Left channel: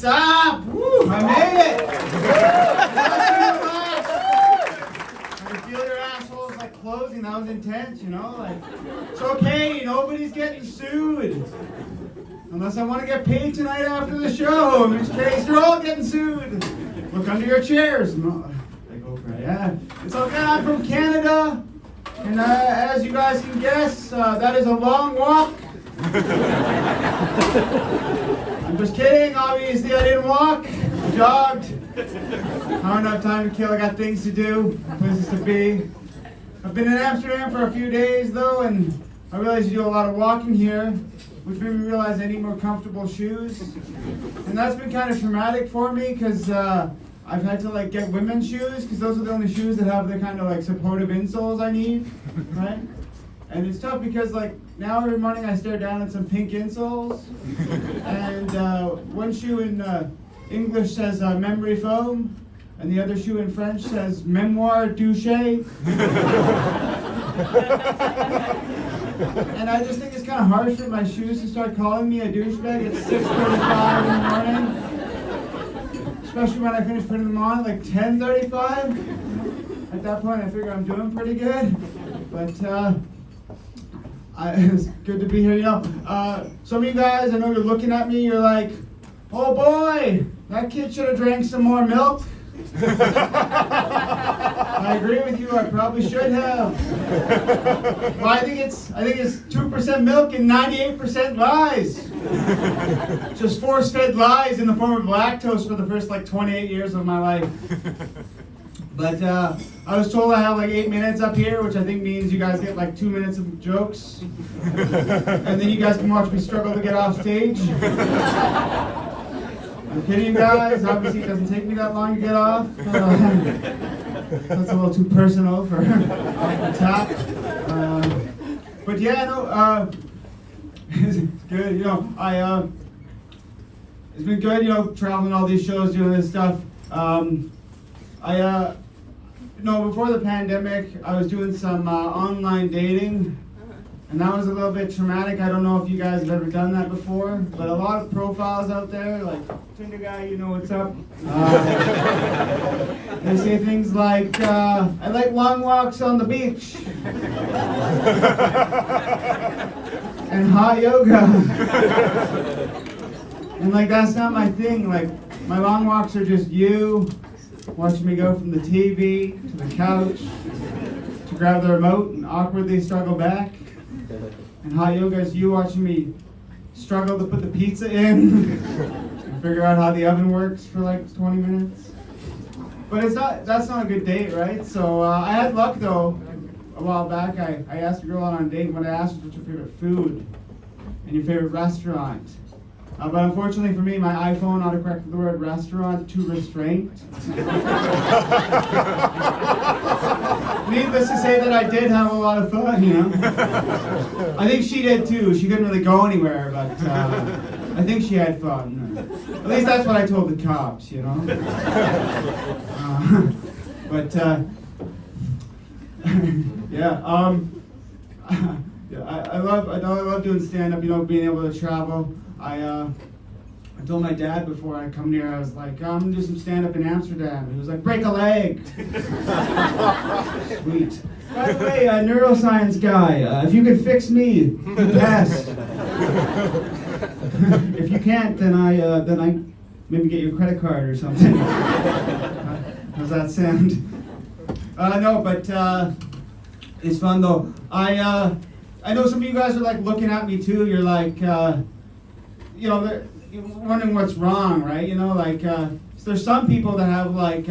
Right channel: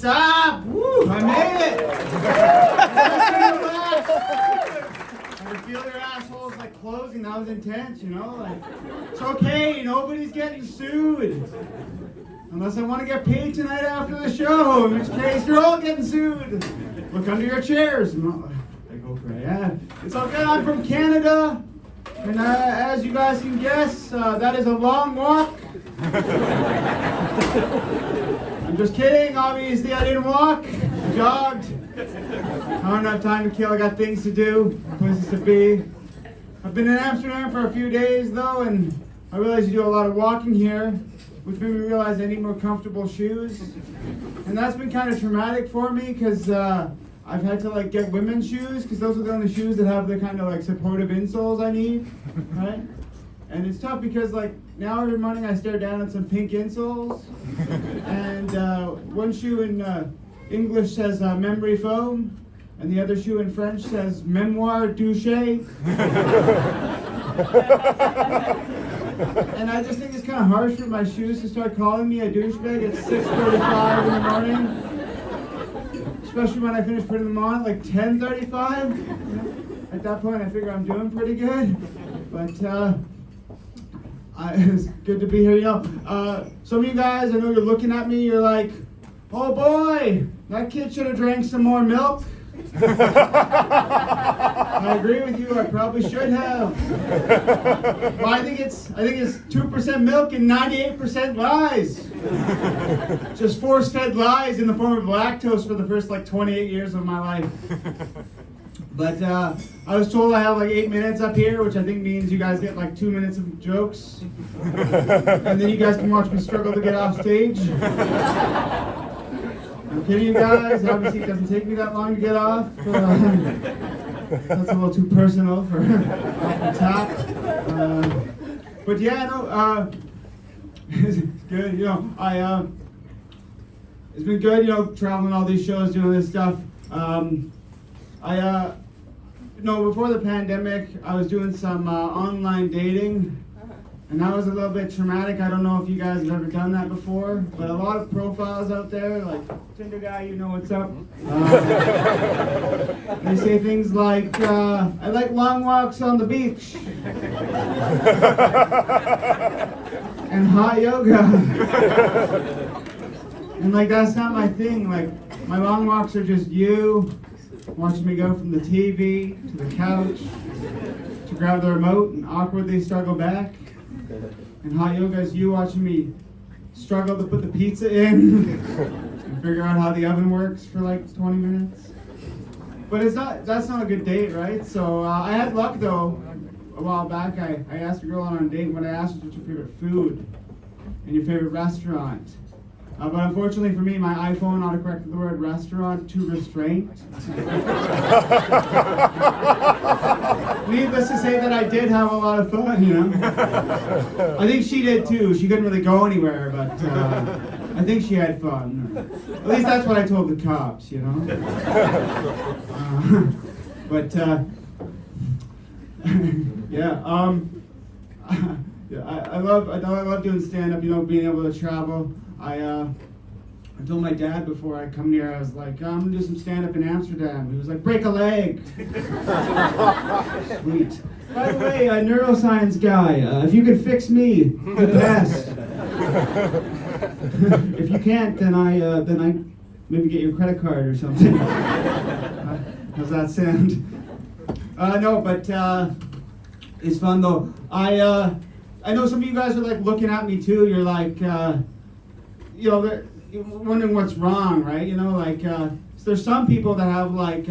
What's up? Woo, I made it! I feel your assholes like closing. That was intense, you know? Like, it's okay, nobody's getting sued. Unless I want to get paid tonight after the show, in which case you're all getting sued. Look under your chairs. No, I go for it. Yeah, it's okay. I'm from Canada, and as you guys can guess, that is a long walk. I'm just kidding. Obviously, I didn't walk. I jogged. I don't have time to kill. I got things to do, places to be. I've been in Amsterdam for a few days, though, and I realize you do a lot of walking here, which made me realize I need more comfortable shoes. And that's been kind of traumatic for me, because I've had to like get women's shoes, because those are the only shoes that have the kind of like supportive insoles I need, right? And it's tough because like now every morning I stare down at some pink insoles, and one shoe in English says memory foam, and the other shoe in French says memoire douche. And I just think it's kind of harsh for my shoes to start calling me a douchebag at 6:35 in the morning, especially when I finish putting them on at like 10:35. At that point, I figure I'm doing pretty good, but it's good to be here. You know, some of you guys, I know you're looking at me, you're like, oh boy, that kid should have drank some more milk. I agree with you, I probably should have. Well, I think it's 2% milk and 98% lies. Just force-fed lies in the form of lactose for the first like 28 years of my life. But I was told I have like 8 minutes up here, which I think means you guys get like 2 minutes of jokes. And then you guys can watch me struggle to get off stage. I'm kidding you guys, obviously it doesn't take me that long to get off. That's a little too personal for off the top. But yeah, no, it's good, you know, it's been good, you know, traveling all these shows, doing this stuff. Before the pandemic, I was doing some online dating, and that was a little bit traumatic. I don't know if you guys have ever done that before, but a lot of profiles out there, like, Tinder guy, you know what's up. They say things like, I like long walks on the beach, and hot yoga. And like, that's not my thing. Like, my long walks are just you watching me go from the TV to the couch to grab the remote and awkwardly struggle back. And hot yoga is you watching me struggle to put the pizza in and figure out how the oven works for like 20 minutes. But that's not a good date, right? So I had luck though. A while back I asked a girl on a date, when I asked her what's your favorite food and your favorite restaurant. But unfortunately for me, my iPhone autocorrected the word restaurant to restraint. Needless to say that I did have a lot of fun, you know. I think she did too. She couldn't really go anywhere, but I think she had fun. At least that's what I told the cops, you know. Yeah. I love doing stand-up, you know, being able to travel. I told my dad before I come here, I was like, I'm gonna do some stand-up in Amsterdam. He was like, break a leg. Sweet. By the way, a neuroscience guy, if you could fix me, the best. If you can't, then I maybe get your credit card or something. How's that sound? No, but it's fun though. I know some of you guys are like looking at me too. You're like, you know, you're wondering what's wrong, right? You know, like, so there's some people that have like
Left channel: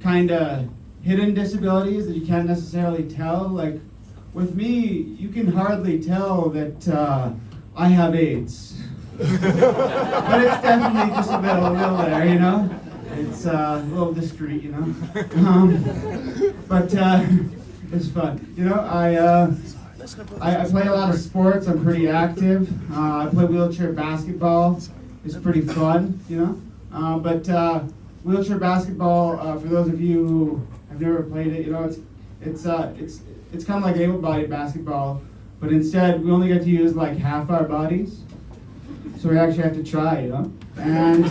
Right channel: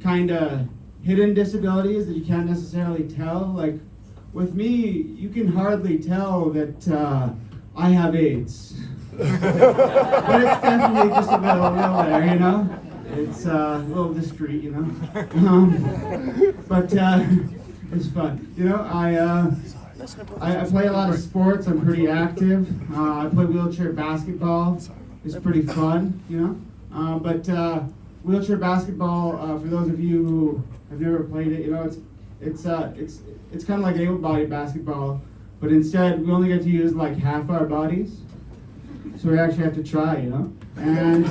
kind of hidden disabilities that you can't necessarily tell. Like, with me, you can hardly tell that I have AIDS. But it's definitely just a little there, you know? It's a little discreet, you know? But it's fun. You know, I play a lot of sports. I'm pretty active. I play wheelchair basketball. It's pretty fun, you know. But wheelchair basketball, for those of you who have never played it, you know, it's kind of like able-bodied basketball, but instead we only get to use like half our bodies. So we actually have to try, and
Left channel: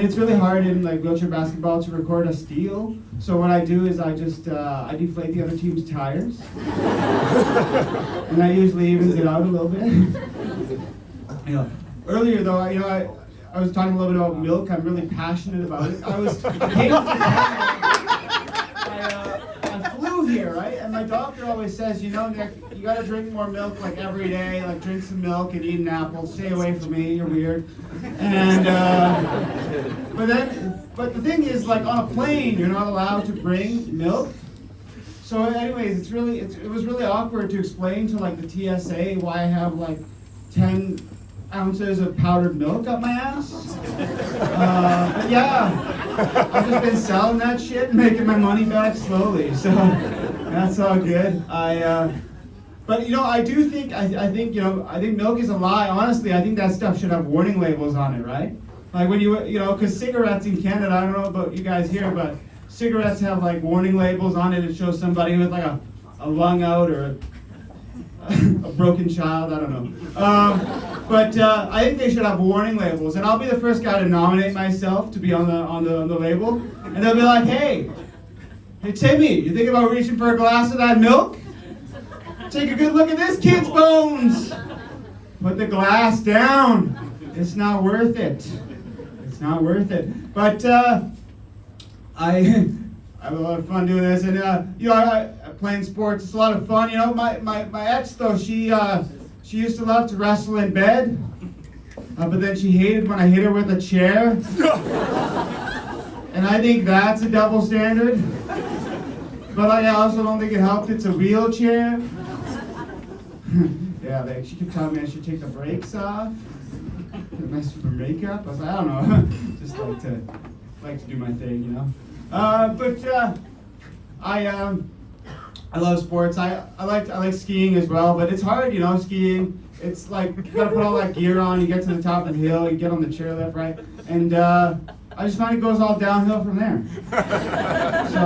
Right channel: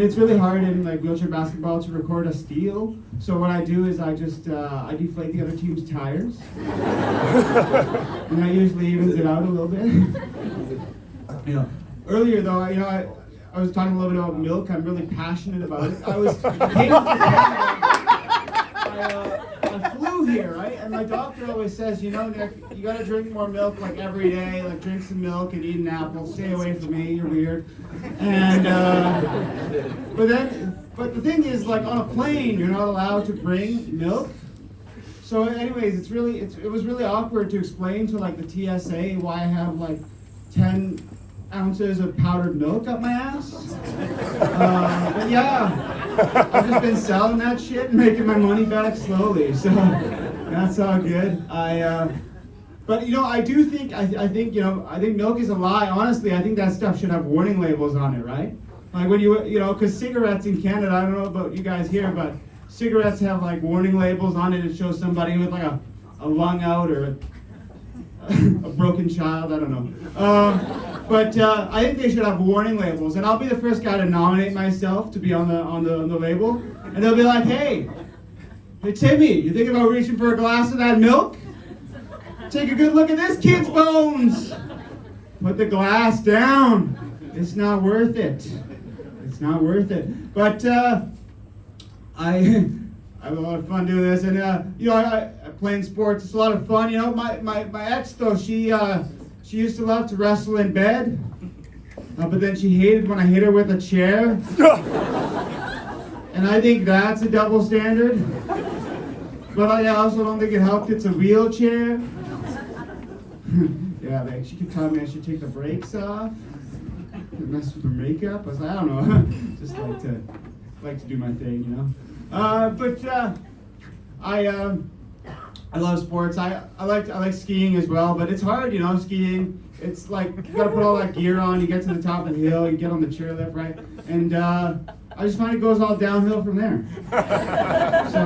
it's really hard in like wheelchair basketball to record a steal. So what I do is I deflate the other team's tires, and that usually evens it out a little bit. Earlier though, I was talking a little bit about milk. I'm really passionate about it. I flew here, right? And my doctor always says, Nick, you gotta drink more milk like every day. Like drink some milk and eat an apple. Stay away from me. You're weird. And but the thing is, like on a plane, you're not allowed to bring milk. So, anyways, it was really awkward to explain to like the TSA why I have like 10 ounces of powdered milk up my ass. But yeah, I've just been selling that shit and making my money back slowly. So that's all good. But I do think I think milk is a lie. Honestly, I think that stuff should have warning labels on it, right? Like when because cigarettes in Canada, I don't know about you guys here, but cigarettes have like warning labels on it. It shows somebody with like a lung out or a broken child. I don't know. But I think they should have warning labels, and I'll be the first guy to nominate myself to be on the label, and they'll be like, hey Timmy, you think about reaching for a glass of that milk? Take a good look at this kid's bones. Put the glass down. It's not worth it. It's not worth it. But I have a lot of fun doing this, and I playing sports. It's a lot of fun. My ex though, she used to love to wrestle in bed, but then she hated when I hit her with a chair. And I think that's a double standard. But I also don't think it helped. It's a wheelchair. Yeah, like she kept telling me I should take the brakes off. It messed with her makeup. I was like, I don't know. Just like to do my thing, But I love sports. I like skiing as well, but it's hard, skiing. It's like you gotta put all that gear on, you get to the top of the hill, you get on the chairlift, right? And I just find it goes all downhill from there. So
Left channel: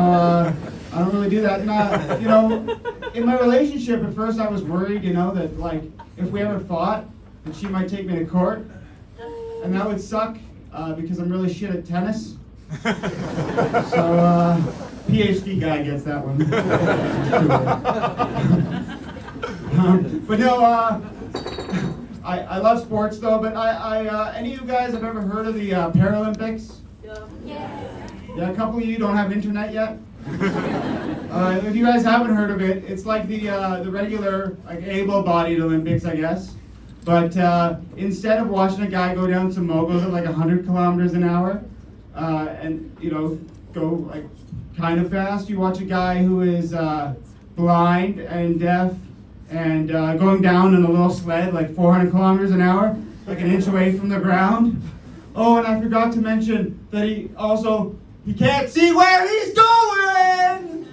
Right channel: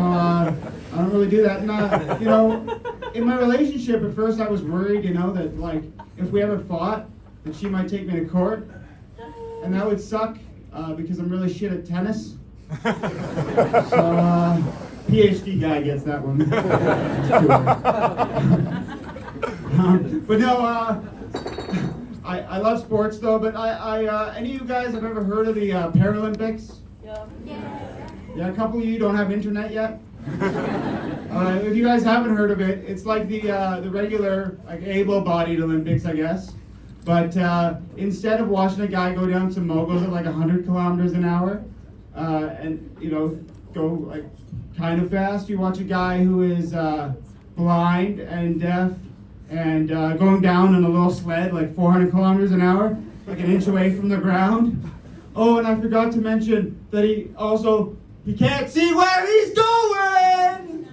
I don't really do that. And in my relationship at first I was worried, that like if we ever fought, that she might take me to court. And that would suck because I'm really shit at tennis. So PhD guy gets that one. But no, I love sports though. But any of you guys have ever heard of the Paralympics? Yeah, a couple of you don't have internet yet. If you guys haven't heard of it, it's like the regular like able-bodied Olympics, I guess. But instead of watching a guy go down some moguls at like 100 kilometers an hour, and go like kind of fast, you watch a guy who is blind and deaf and going down in a little sled like 400 kilometers an hour, like an inch away from the ground. Oh, and I forgot to mention that he can't see where he's going.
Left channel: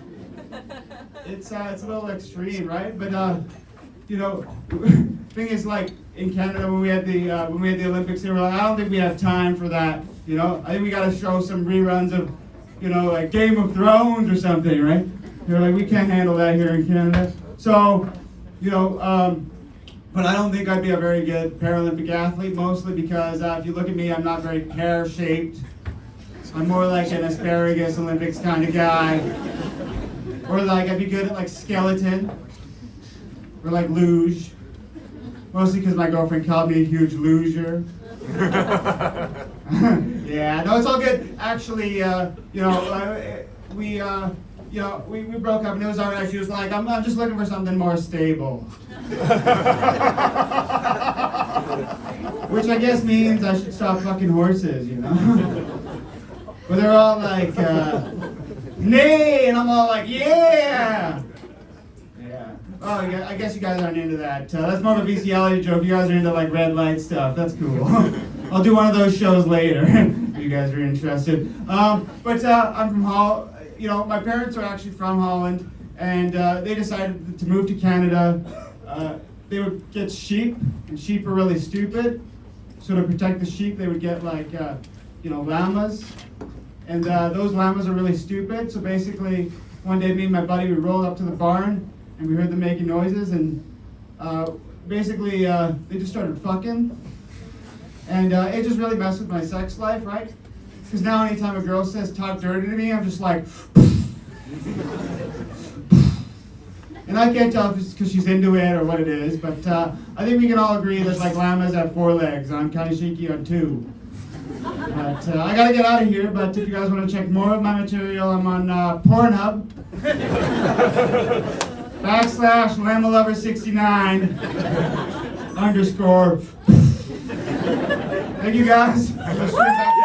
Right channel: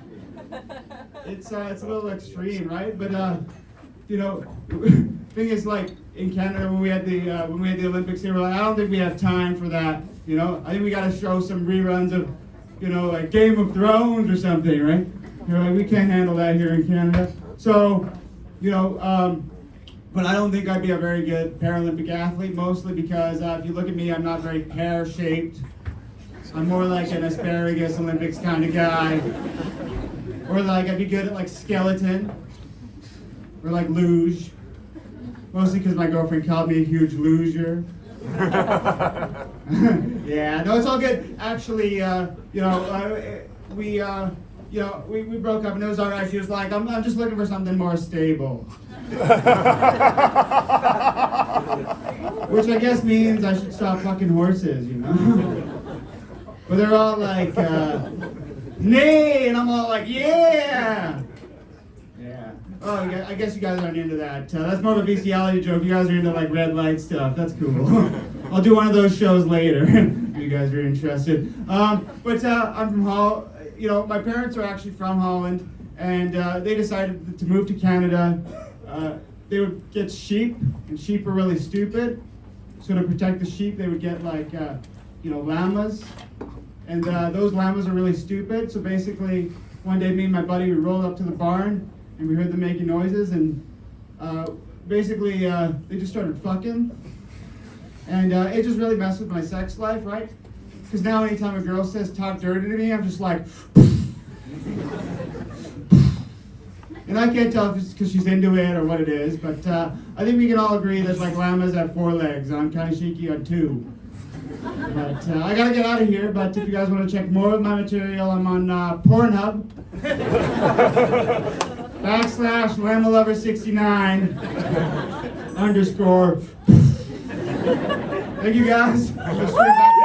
It's a little extreme, right? But thing is, like in Canada when we had the Olympics here, we're like, I don't think we have time for that. I think we got to show some reruns of, like Game of Thrones or something, right? Like we can't handle that here in Canada. So, but I don't think I'd be a very good Paralympic athlete, mostly because if you look at me, I'm not very pear-shaped. I'm more like an asparagus Olympics kind of guy. Or like I'd be good at like skeleton. Or like luge. Mostly because my girlfriend called me a huge loser. Yeah, no, it's all good. Actually, we broke up and it was all right. She was like, I'm just looking for something more stable. Which I guess means I should stop fucking horses, But they're all like, nay, and I'm all like, yeah. Oh, I guess you guys aren't into that. That's more of a bestiality joke. You guys are into like red light stuff. That's cool. I'll do one of those shows later if you guys are interested. But I'm from Holland. My parents are actually from Holland, and they decided to move to Canada. They would get sheep, and sheep are really stupid. So to protect the sheep, they would get like, llamas. And those llamas are really stupid. So basically, one day me and my buddy would roll up to the barn, and we heard them making noises, and basically they just started fucking. And it just really messed with my sex life, right? Because now anytime a girl says talk dirty to me, I'm just like, and I can't tell if it's because she's into it or what it is, but I think we can all agree that like llamas have 4 legs. I'm kind of shaky on 2. But I gotta get out of here. But if you guys want to check more of my material, I'm on Pornhub /LamaLover69 _ Thank you guys. I'm just straight back.